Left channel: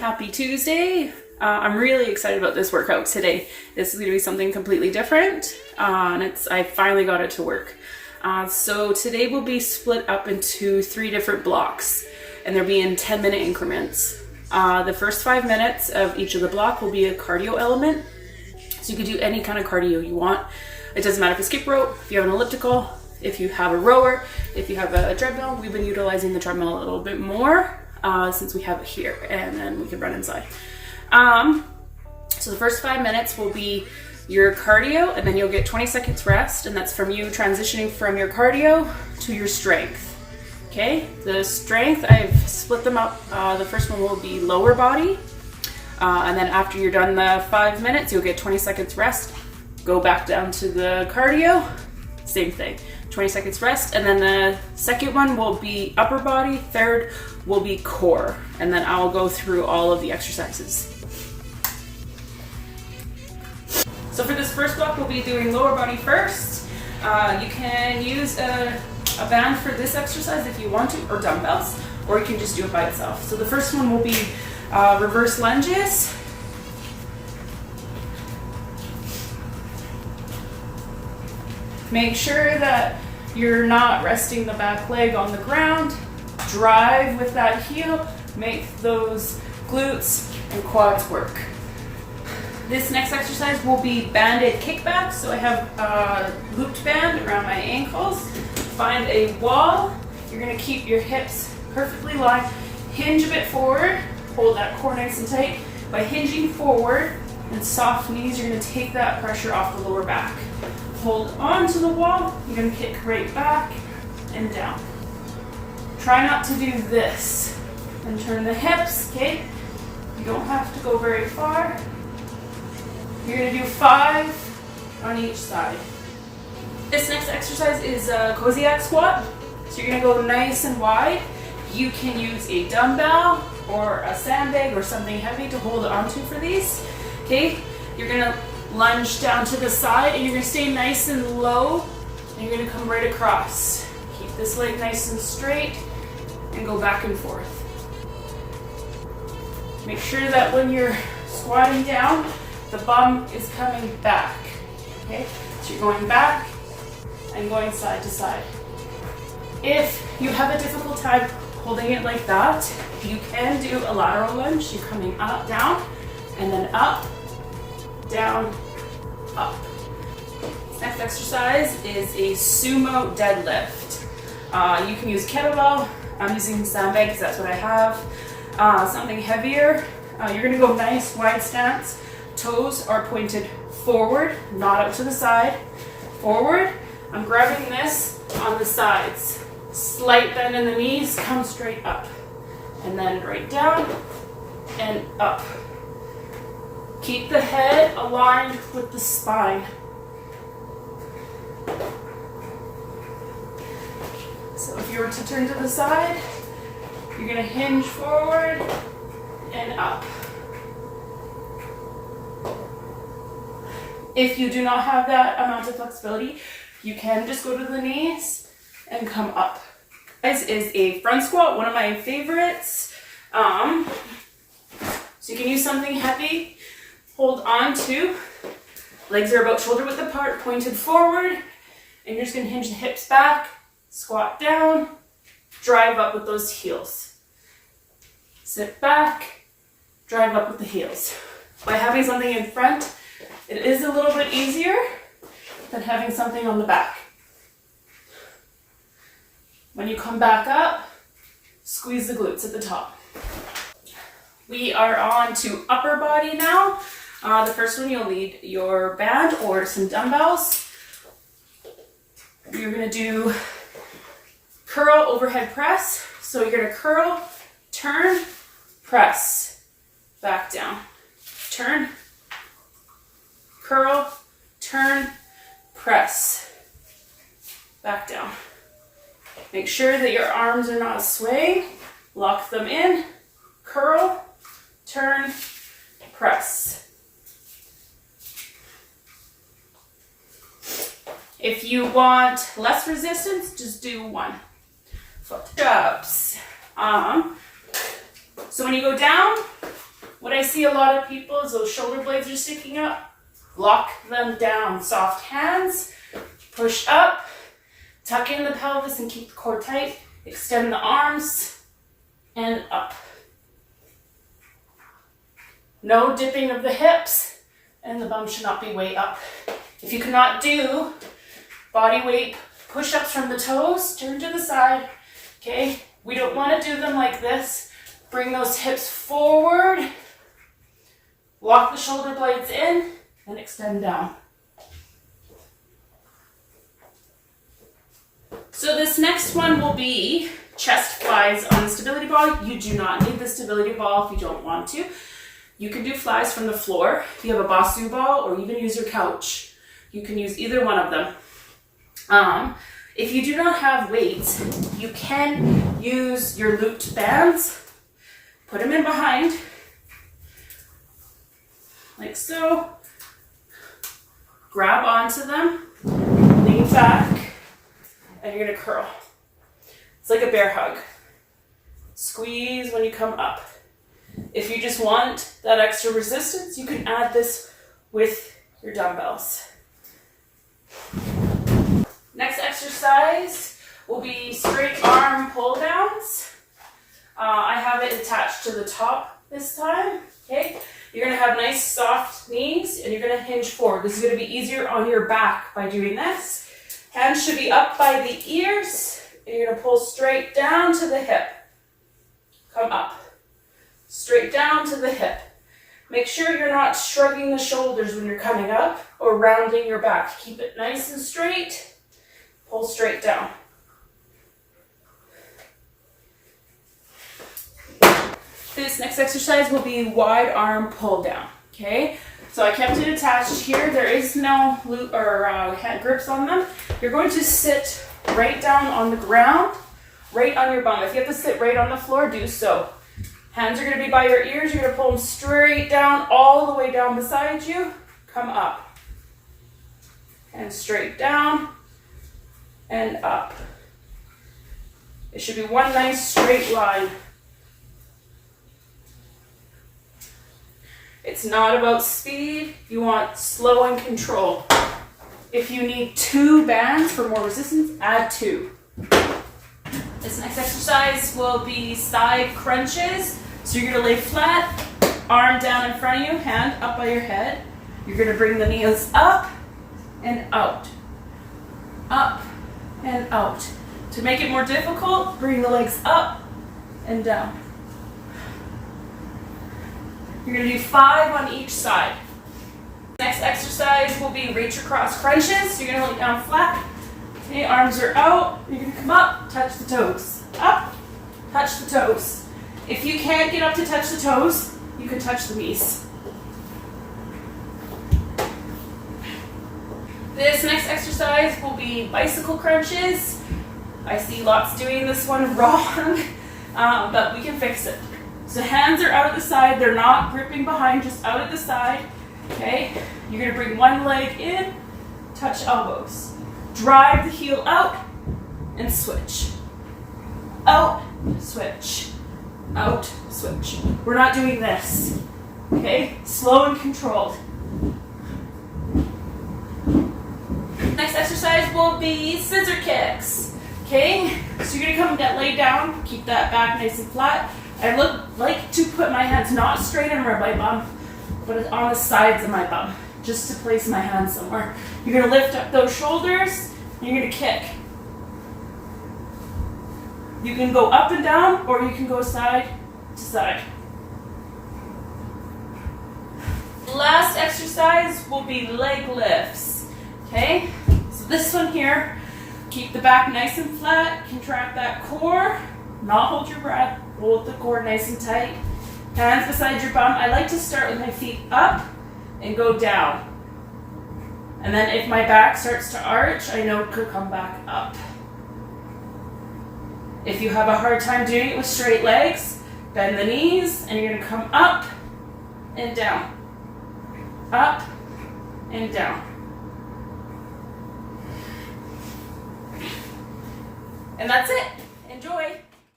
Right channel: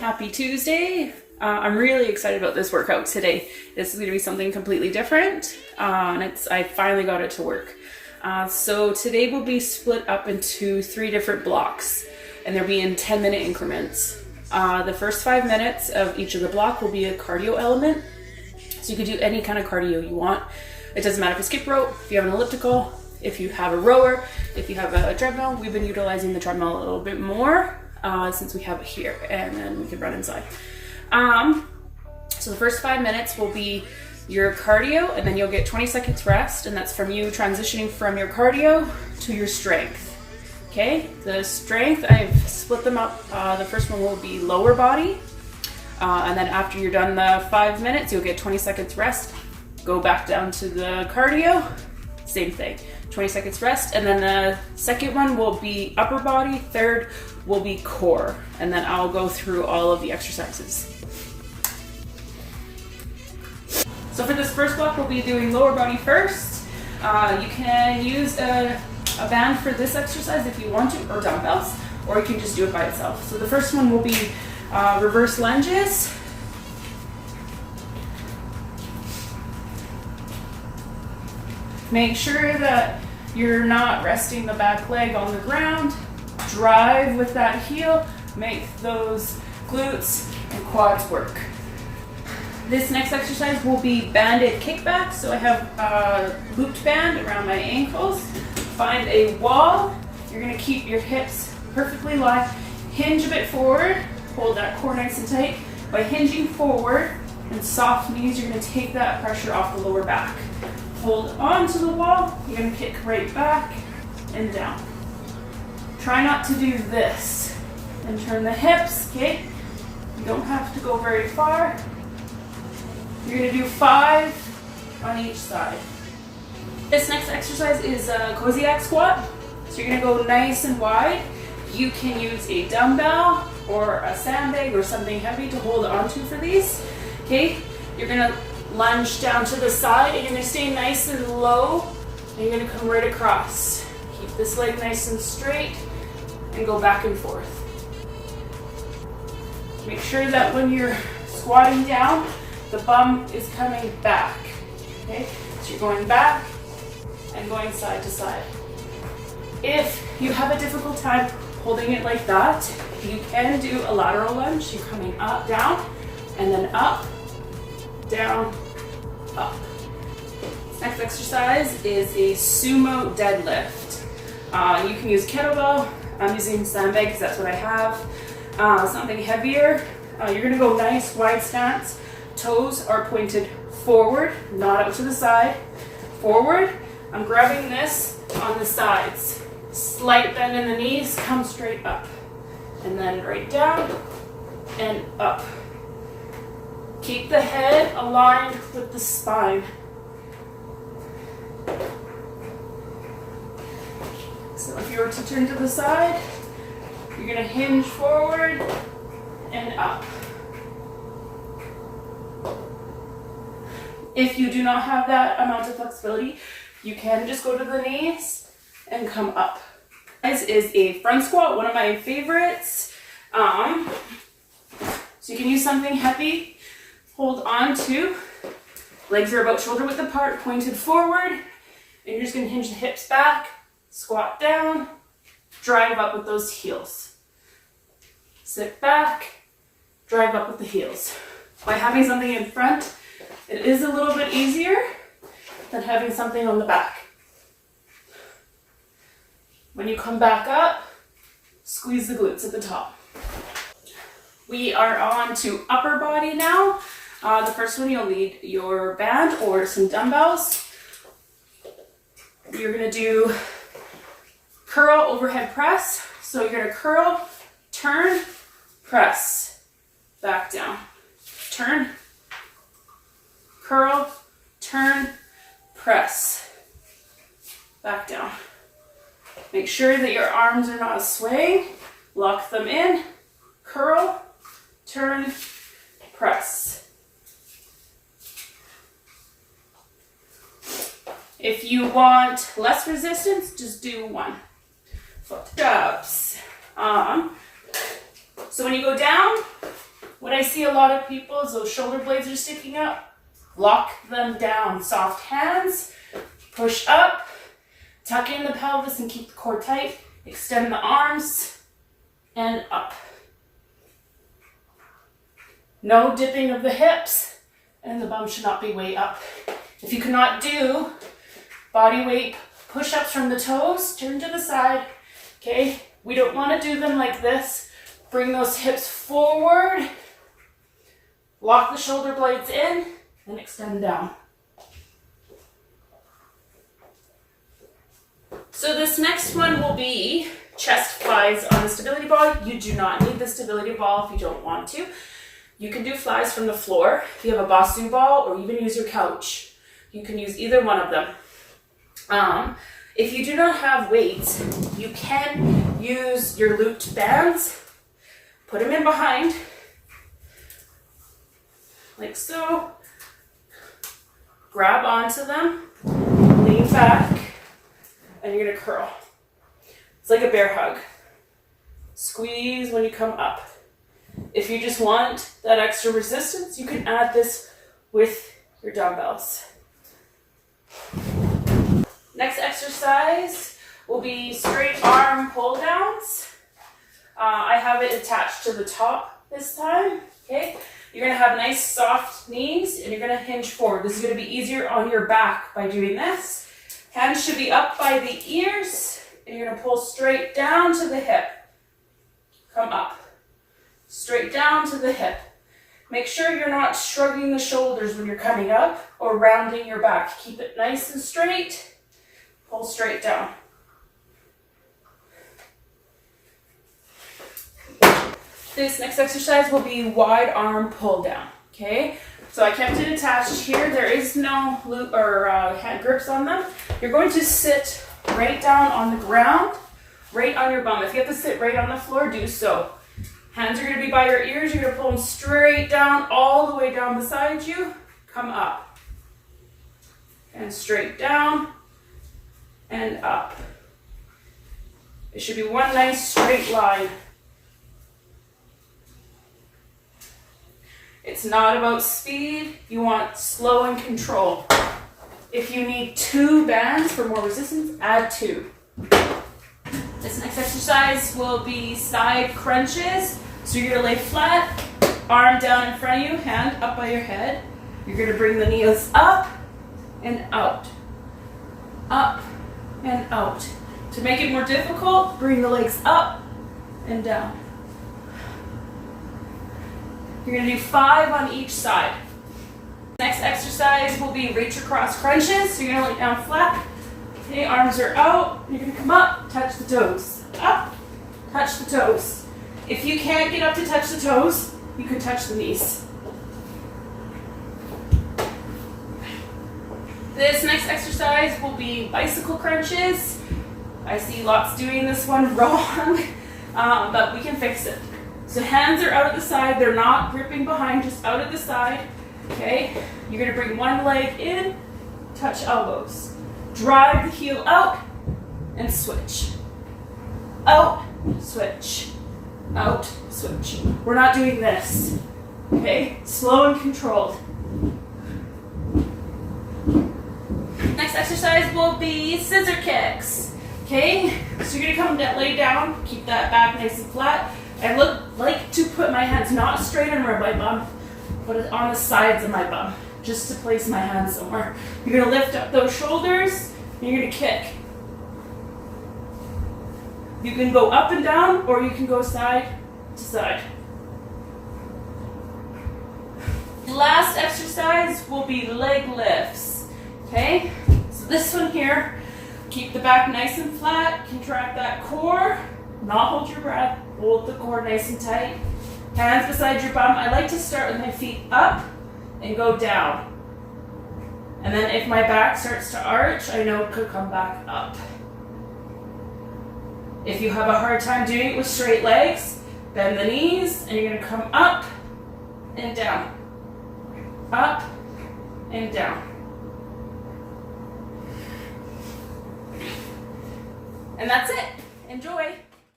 Happy Tuesday. I'm really excited about this workout today. This is going to be something completely different, and I finally got it to work. So today will be split up into 3 different blocks, and they'll be in 10-minute increments. The first 5 minutes of each of the block will be a cardio element. So you can do any kind of cardio you want. It doesn't matter if it's skip rope, if you have an elliptical, if you have a rower, if you have a treadmill. We've been utilizing the treadmill a little bit more since we have it here, and then we can run inside. So the first 5 minutes will be your cardio, and then you'll get 20 seconds rest, and that's from you transitioning from your cardio to your strength. Okay, the strength, I've split them up. The first one will be lower body, and then after you're done the 5 minutes, you'll get 20 seconds rest. Go back down to the cardio, same thing, 20 seconds rest, and then the second one will be upper body, third will be core, and then I'll go through all of the exercises. So for this first block, we'll be doing lower body first. You can use a band for this exercise if you want to, or dumbbells, or you can just do it by itself. So the first one will be reverse lunges. Make sure that you're not resting the back leg on the ground. Drive with that heel, make those glutes and quads work. This next exercise will be banded kickbacks. So I have a looped band around my ankles. Find a wall. You're gonna keep your hips perfectly lined. Hinge a bit forward. Hold that core nice and tight. By hinging forward and soft knees, you're gonna take that pressure off the lower back. Hold on to the wall. You're gonna kick right back and down. Try not to do this. And turn the hips, okay? You don't have to go very far. You're gonna do 5 on each side. This next exercise is a Kosiak squat. So you're gonna go nice and wide. You can use a dumbbell or a sandbag or something heavy to hold onto for these. Okay, you're gonna lunge down to the side, and you're gonna stay nice and low, and you're gonna come right across. Keep this leg nice and straight, and go back and forth. Make sure that when you're squatting down, the bum is coming back. Okay, so you're going back and going side to side. If you have a difficult time holding it like that, you can do a lateral lunge. You're coming up, down, and then up, down, up. This next exercise is a Sumo Deadlift. You can use kettlebell. I'm using sandbag because that's what I have. Something heavier. You're gonna go nice wide stance. Toes are pointed forward, not out to the side. Forward. I'm grabbing this on the sides. Slight bend in the knees, come straight up. And then right down and up. Keep the head aligned with the spine. So if you were to turn to the side, you're gonna hinge forward and up. If you do not have that amount of flexibility, you can just go to the knees and come up. This is a front squat, one of my favorites. So you can use something heavy. Hold on to, legs are about shoulder width apart, pointed forward, and you're just gonna hinge the hips back, squat down, drive up with those heels. Sit back, drive up with the heels. By having something in front, it is a little bit easier than having something on the back. When you come back up, squeeze the glutes at the top. We are on to upper body now. The first one, you'll need your band or some dumbbells. You're gonna do curl overhead press. So you're gonna curl, turn, press, back down. Turn, curl, turn, press, back down. Make sure that your arms are not swaying. Lock them in, curl, turn, press. If you want less resistance, just do 1. Push-ups. So when you go down, What I see a lot of people is those shoulder blades are sticking up. Lock them down. Soft hands. Push up. Tuck in the pelvis and keep the core tight. Extend the arms and up. No dipping of the hips, and the bum should not be way up. If you cannot do body weight push-ups from the toes, turn to the side. Okay, we don't want to do them like this. Bring those hips forward. Lock the shoulder blades in and extend down. So this next one will be chest flies on the stability ball. You do not need the stability ball if you don't want to. You can do flies from the floor if you have a Basu ball, or even use your couch. You can use either one of them. If you do not have weights, you can use your looped bands. Put them in behind, like so. Grab onto them, lean back, and you're gonna curl. It's like a bear hug. Squeeze when you come up. If you just want that extra resistance, you can add this with your dumbbells. Next exercise will be straight arm pull downs. I have it attached to the top this time. Okay, you're gonna have nice soft knees and you're gonna hinge forward. This is gonna be easier on your back by doing this. Hands should be up by the ears, and you're gonna pull straight down to the hip. Come up. Straight down to the hip. Make sure you're not shrugging the shoulders when you're coming up or rounding your back. Keep it nice and straight. Pull straight down. This next exercise will be wide arm pull down. Okay, so I kept it attached here. There is no loop or hand grips on them. You're going to sit right down on the ground, right on your bum. If you have to sit right on the floor, do so. Hands are going to be by your ears. You're going to pull them straight down, all the way down beside you. Come up. And straight down and up. It should be one nice straight line. It's not about speed. You want slow and control. If you need 2 bands for more resistance, add 2. This next exercise will be side crunches. So you're gonna lay flat, arm down in front of you, hand up by your head. You're gonna bring the knees up and out. Up and out. To make it more difficult, bring the legs up and down. You're gonna do 5 on each side. Next exercise will be reach across crunches. So you're gonna lay down flat. Okay, arms are out. You're gonna come up, touch the toes. Up, touch the toes. If you can't get up to touch the toes, you can touch the knees. This next exercise will be bicycle crunches. I see lots doing this one wrong, but we can fix it. So hands are out at the side. They're not gripping behind, just out at the side. Okay, you're gonna bring one leg in, touch elbows. Drive the heel out and switch. Out, switch. Out, switch. We're not doing this. Okay, slow and controlled. Next exercise will be scissor kicks. Okay, so you're gonna come and lay down, keep that back nice and flat. I like to put my hands not straight under my bum, but on the sides of my bum, just to place my hands somewhere. You're gonna lift up those shoulders, and you're gonna kick. You can go up and down, or you can go side to side. Last exercise will be leg lifts. Okay, so this one here, keep the back nice and flat, contract that core, not hold your breath, hold the core nice and tight. Hands beside your bum. I like to start with my feet up and go down. And then if my back starts to arch, I know it could come back up. If you have a hard time doing it with straight legs, bend the knees and you're gonna come up and down. Up and down. And that's it. Enjoy.